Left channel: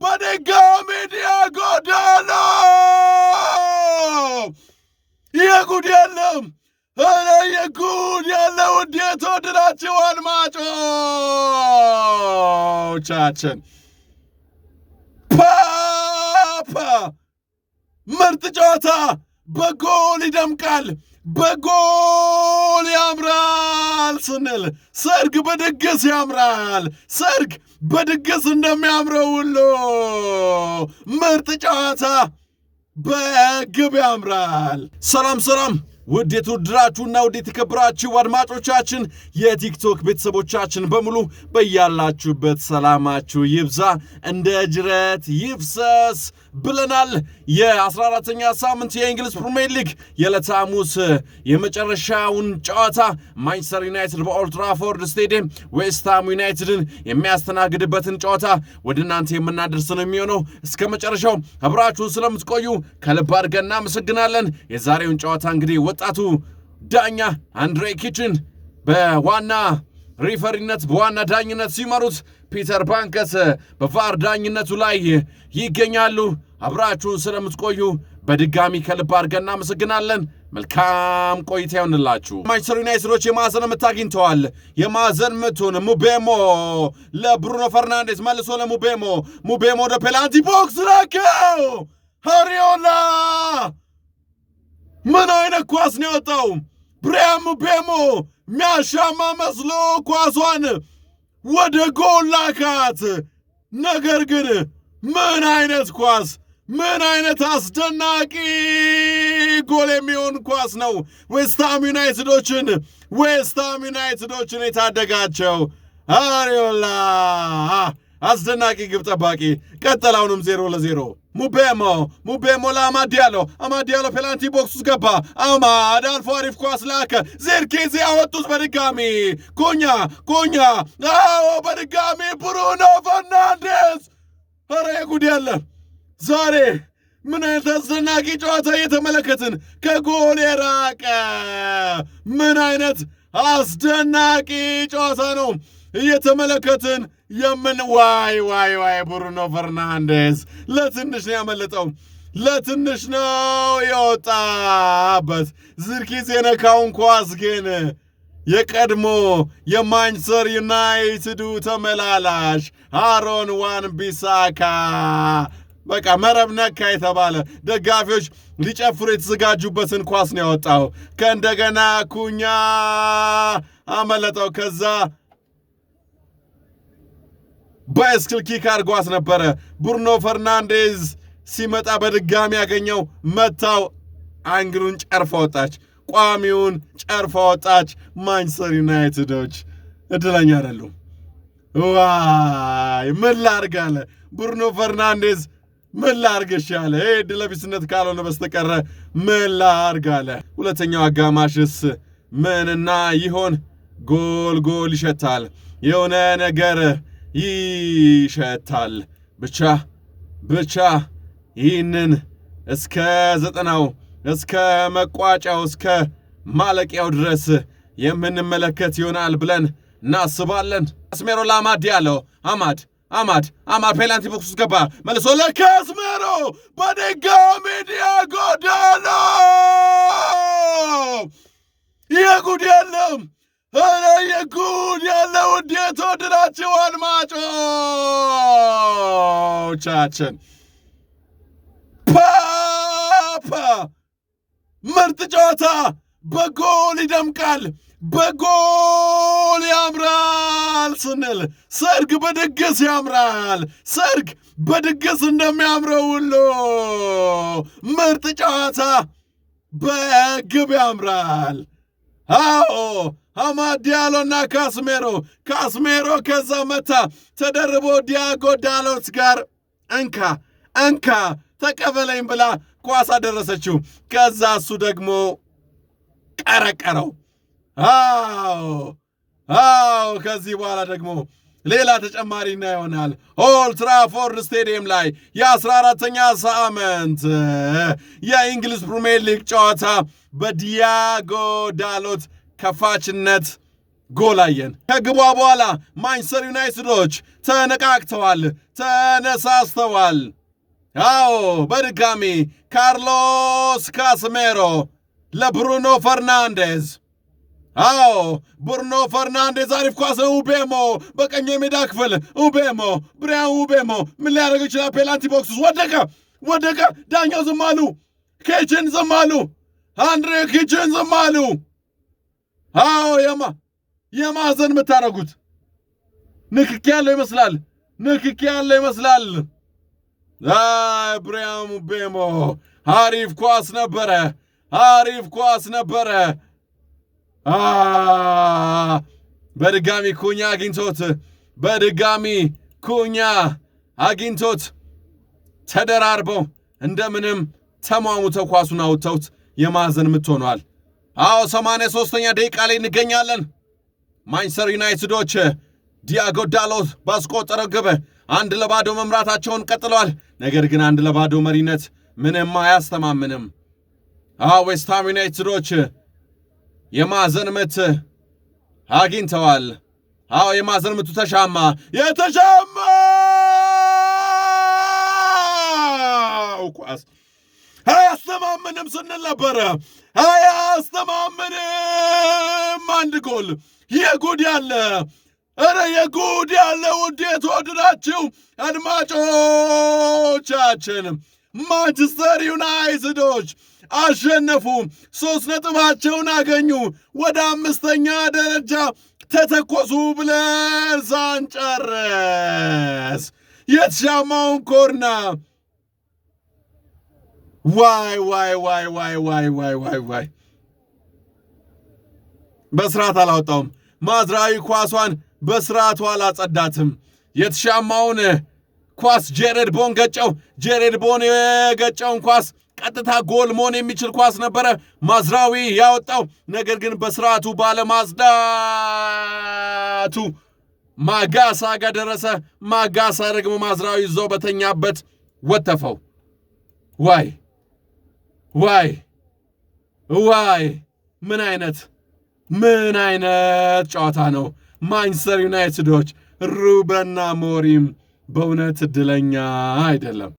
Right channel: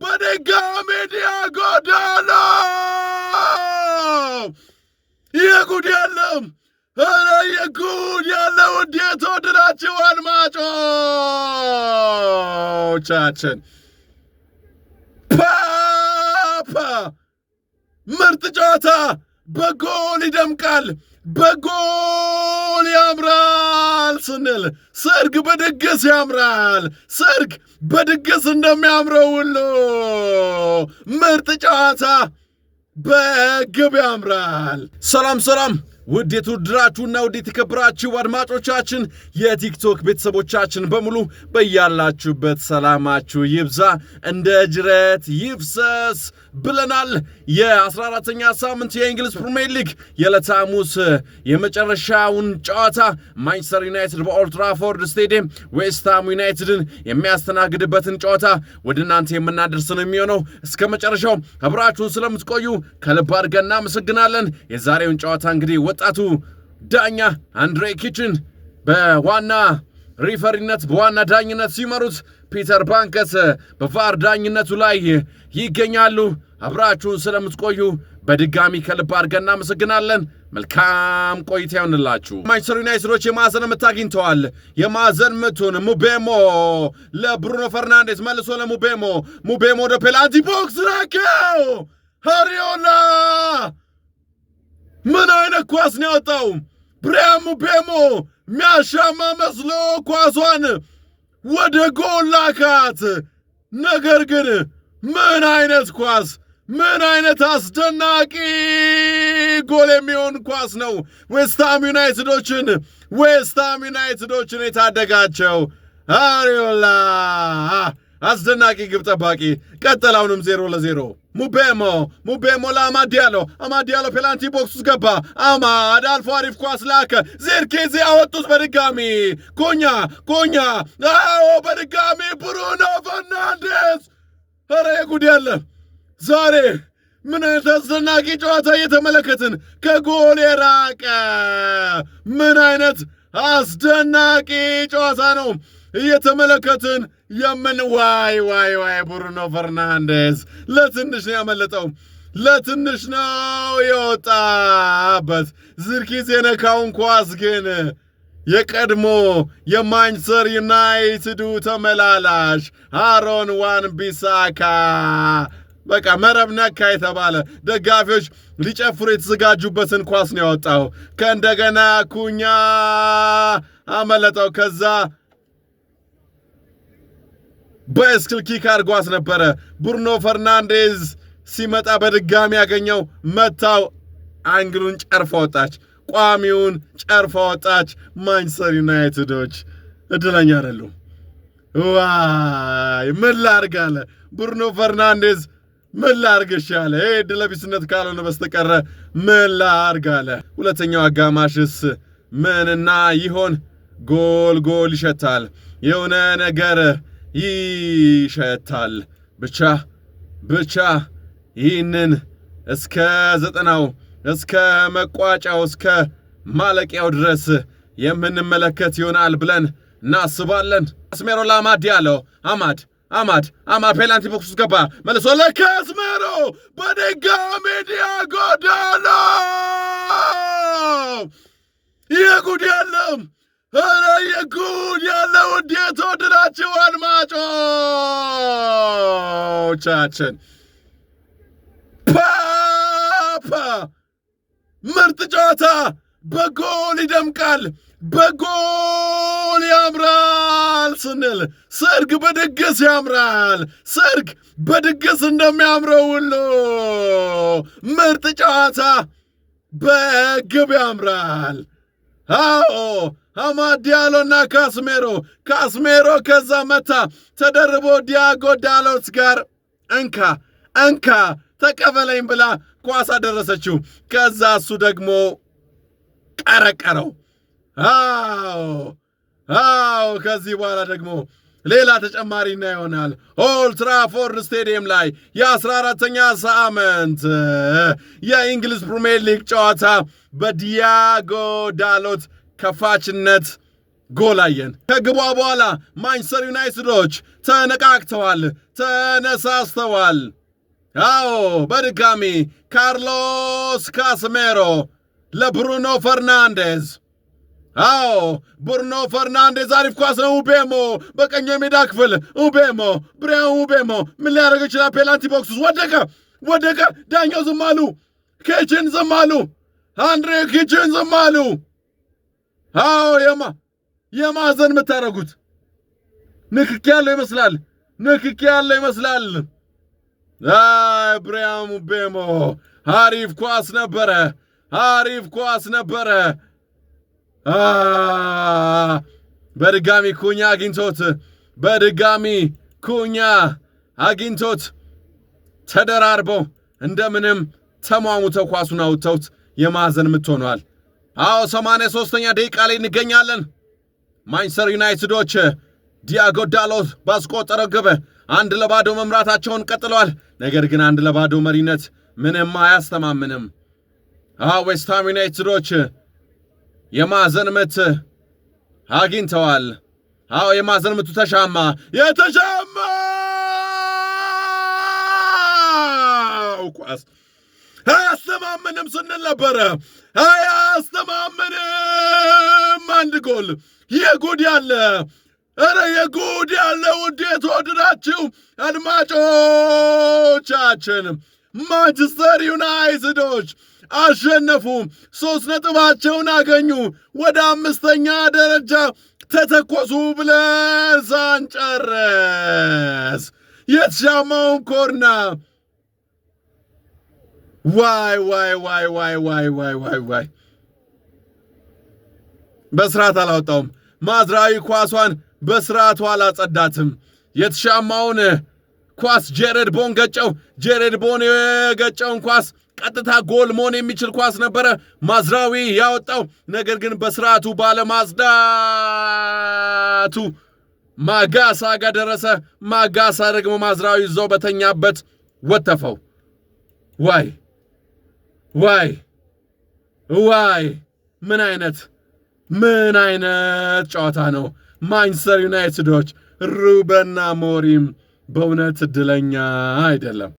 በድጋሚ ዲያጎ ዳሎት የጉድ የለም ኧረ የጉድ ያለው እንዴት ወደዳችሁ አድማጮቻችን። ፓፓ ምርጥ ጨዋታ በጎል ይደምቃል፣ በጎል ያምራል ስንል ሰርግ በድግስ ያምራል። ሰርግ በድግስ እንደሚያምረው ሁሉ ምርጥ ጨዋታ በግብ ያምራል። ሰላም ውድ የተወደዳችሁና ውድ የተከበራችሁ አድማጮቻችን የቲክቶክ ቤተሰቦቻችን በሙሉ በያላችሁበት ሰላማችሁ ይብዛ እንደ ጅረት ይፍሰስ ብለናል። የ14ኛ ሳምንት የእንግሊዝ ፕሪሚየር ሊግ የዕለተ ሐሙስ የመጨረሻውን ጨዋታ ማንቸስተር ዩናይትድ በኦልድ ትራፎርድ ስቴዲየም ዌስትሃም ዩናይትድን የሚያስተናግድበትን ጨዋታ ወደ እናንተ የምናደርስ ነው የሚሆነው። እስከ መጨረሻው አብራችሁን ስለምትቆዩ ከልብ አድርገን እናመሰግናለን። የዛሬውን ጨዋታ እንግዲህ ወጣቱ ዳኛ አንድሬ ኪችን በዋና ሪፈሪነት በዋና ዳኝነት ሲመሩት ፒተር ባንከስ በቫር ዳኝነቱ ላይ ይገኛሉ። አብራችሁን ስለምትቆዩ በድጋሚ ከልብ አድርገን እናመሰግናለን። መልካም ቆይታ ይሁንላችሁ። ማንቸስተር ዩናይትዶች የማዕዘን ምት አግኝተዋል። የማዕዘን ምቱን ሙቤሞ ለብሩኖ ፈርናንዴዝ መልሶ ለሙቤሞ ወደ ፔናልቲ ቦክስ ላከው። አሪዮላ ምን አይነት ኳስ ነው ያወጣው! ብሪያን ሙቤሞ የሚያሻማ መስሎ ኳሷን ወደ ጎል ላካት። ነገር ግን ምን አይነት ኳስ! ምን አይነት አስደናቂ ጎል የሚሆን ኳስ ነው ዌስትሃም ዩናይትዶችን የታደጋቸው አሪዮላ። አስደናቂ ግብ ጠባቂ። ቀጠላውንም 0-0 ሙቤሞ ለአማዲያሎ ፔናልቲ ቦክስ ውስጥ ገባ። አማድ አልፎ አሪፍ ኳስ ላከ። ዚርክዚ ያወጡት በድጋሚ ኩኛ በድጋሚ ብሩኖ ፈርናንዴዝ። ኧረ ጉድ ያለ ዛሬ ምን አይነት አስደናቂ ጨዋታ እየተመለከትን፣ ከጎል የራቀ ምን አይነት አስደናቂ ጨዋታ ነው እየተመለከትን ዋይ ብሩኖ ፈርናንዴዝ ለትንሽ ነው ያመለጠው፣ ለትንሽ ነው የወጣበት። ዝርኪዝ የነካውን ኳስ ግን የቀድሞ የማንቸስተር ዩናይትዱ ተመላላሽ አሮን wan-bissaka በቃ መረብ ነካ የተባለ ደጋፊዎች ሊጨፍሩ የተዘጋጁበትን ኳስ ነው ያወጣው። ከእንደገና ኩኛ አመለጠው። ከዛ ባይስክል ኪክ አድርጓት ነበረ። ብሩኖ ፈርናንዴዝ ሲመጣ በድጋሚ ያገኘው መታው። አንግሉን ጨርፋ ወጣች፣ ቋሚውን ጨርፋ ወጣች። ማንቸስተር ዩናይትዶች እድለኛ አይደሉም። ዋይ ምን ላድርግ አለ ብሩኖ ፈርናንዴዝ። ምን ላድርግሽ አለ። ይሄ ዕድለቢስነት ካልሆነ በስተቀረ ምን ላድርግ አለ። ሁለተኛው አጋማሽስ ምንና ይሆን? ጎል ይሸታል፣ የሆነ ነገር ይሸታል። ብቻ ይህንን እስከ 90 እስከ መቋጫው እስከ ማለቂያው ድረስ የምንመለከት ይሆናል ብለን እናስባለን። ካስሜሮ ለአማድ ያለው አማድ ፔናልቲ ቦክስ ውስጥ ገባ። መልሶ ለካስሜሮ በድጋሚ ዲያጎ ዳሎት። የጉድ የለም ኧረ የጉድ ያለው እንዴት ወደዳችሁ አድማጮቻችን። ፓፓ ምርጥ ጨዋታ በጎል ይደምቃል፣ በጎል ያምራል ስንል ሰርግ በድግስ ያምራል። ሰርግ በድግስ እንደሚያምረው ሁሉ ምርጥ ጨዋታ በግብ ያምራል። አዎ አማድ ዲያሎና ካስሜሮ ከዛ መታ ተደርቦ ዲያጎ ዳሎት ጋር እንካ ተቀበለኝ ብላ ኳስ አደረሰችው። ከዛ እሱ ደግሞ ቀረቀረው። አዎ ከዚህ በኋላ ደግሞ ሌላ ተጨማሪና ይሆናል። ኦልድ ትራፎርድ ስቴዲየም ላይ የ14ኛ ሳምንት የእንግሊዝ ፕሪሚየር ሊግ ጨዋታ በዲያጎ ዳሎት ከፋችነት ጎላየን ከግቧ በኋላ ማንቸስተር ዩናይትዶች ተነቃቅተዋል፣ ተነሳስተዋል። አዎ በድጋሚ ካርሎስ ካስሜሮ ለብሩኖ ፈርናንዴዝ። አዎ ብሩኖ ፈርናንዴዝ አሪፍ ኳስ ነው። ኡቤሞ በቀኝ የሜዳ ክፍል ብሪያን ኡቤሞ ምን ሊያደርግ ይችላል? ፔናልቲ ቦክስ ወደቀ። ዳኛው ዝም አሉ። ኪችን ዝም አሉ። አንድሬ ኪችን ዝም አሉ። አዎ የማዕዘን የምታደርጉት ንክኪ ያለው ይመስላል። ብሪያን ኡቤሞ አሪፍ ኳስ ነበረ። በድጋሚ ኩኛ አግኝቶት ተደራርበው እንደምንም ተሟሙተው ኳሱን አውጥተውት የማዕዘን ምት ሆኗል። አዎ 83ኛ ደቂቃ ላይ እንገኛለን። ማንቸስተር ዩናይትዶች ዲያጎ ዳሎት ባስቆጠረው ግብ 1-0 መምራታቸውን ቀጥለዋል። ነገር ግን 1-0 መሪነት ምንም አያስተማምንም። ዌስትሃም ዩናይትዶች የማዕዘን ምት አግኝተዋል። የማዕዘን ምቱ የተሻማው ኳስ አያስተማምንም ስንል ነበረ። አያስተማምንም። አንድ ጎል የጉድ ያለ ውድ የተወደዳችሁ አድማጮቻችን ማንቸስተር ዩናይትዶች አሸነፉ። 3 ነጥባቸውን አገኙ። ወደ 5ኛ ደረጃ ተተኮሱ ብለን ሳንጨርስ የተሻማውን ኮርና ዋይ በስርዓት አላወጣውም። ማዝራዊ ኳሷን በስርዓቱ አላጸዳትም። የተሻማውን ኳስ ጄሬድ ቦን ገጨው። ጄሬድ ቦን የገጨውን ኳስ ቀጥታ ጎል መሆን የሚችል ኳስ ነበረ ማዝራዊ ያወጣው። ነገር ግን በስርዓቱ ባለማጽዳቱ ማጋሳ ጋር ደረሰ። ማጋሳ ደግሞ ማዝራዊ ይዘው በተኛበት ወተፈው። ዋይ ምን አይነት ጨዋታ ነው! ማንቸስተር ዩናይትዶች ሩበን አሞሪም በእውነት እድለኛ አይደለም።